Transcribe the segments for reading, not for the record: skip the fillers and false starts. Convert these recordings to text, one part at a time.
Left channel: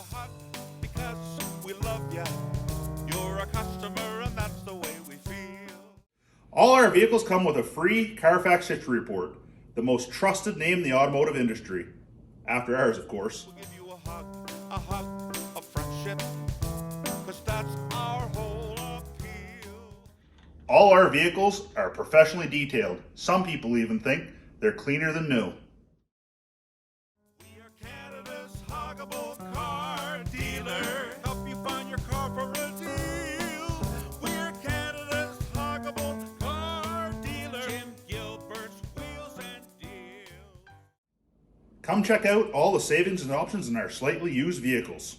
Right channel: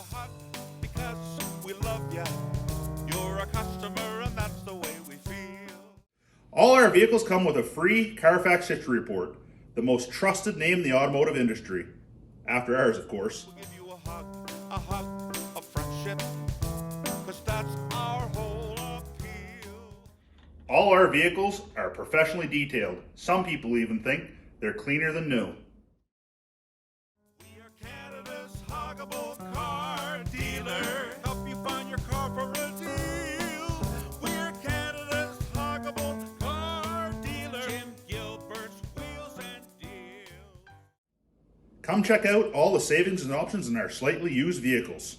a hug because we love you. You're a customer and that's the way we feel. All our vehicles come with a free Carfax history report, the most trusted name in the automotive industry. After ours, of course. We'll give you a hug of friendship, cause that's our whole appeal. All our vehicles are professionally detailed. Some people even think they're cleaner than new. We are Canada's huggable car dealer. Help you find your car for a deal. We're Canada's huggable car dealer. Jim Gilbert's Wheels and Deals. Come check out all the savings and options in our slightly used vehicles.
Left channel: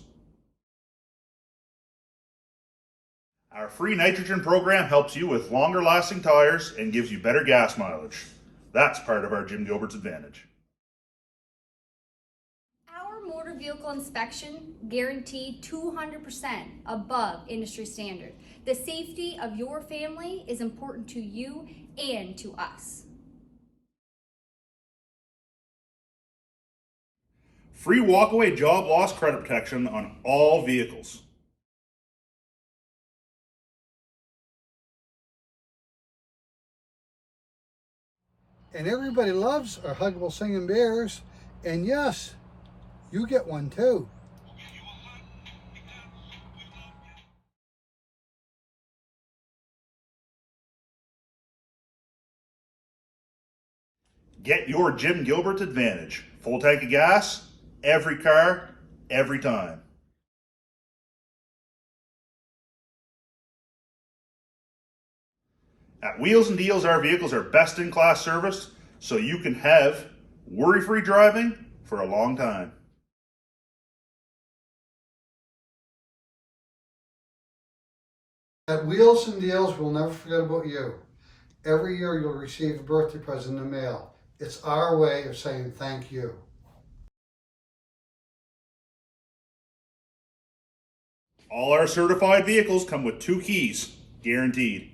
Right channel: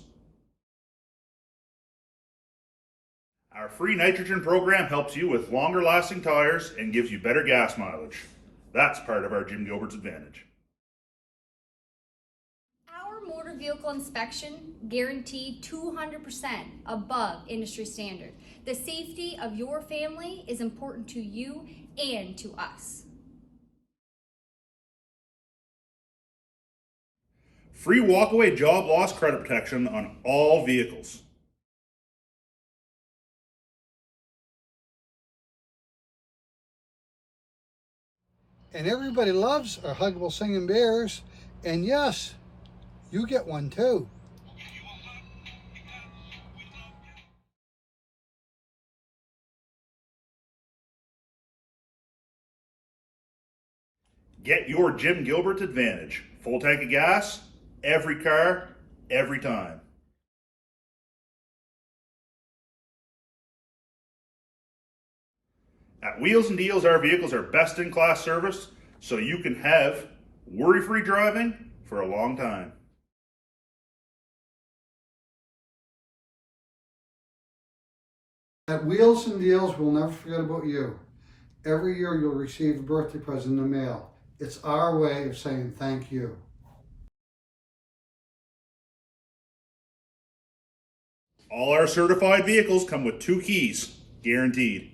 Our free nitrogen program helps you with longer lasting tires and gives you better gas mileage. That's part of our Jim Gilbert's advantage. Our motor vehicle inspection guaranteed 200% above industry standard. The safety of your family is important to you and to us. Free walkaway job loss credit protection on all vehicles. And everybody loves our huggable singing bears. And yes, you get one too. Get your Jim Gilbert advantage. Full tank of gas, every car, every time. At Wheels and Deals, our vehicles are best in class service, so you can have worry-free driving for a long time. At Wheels and Deals, we'll never forget about you. Every year you'll receive a birthday present in the mail. It's our way of saying thank you. All our certified vehicles come with 2 keys, guaranteed.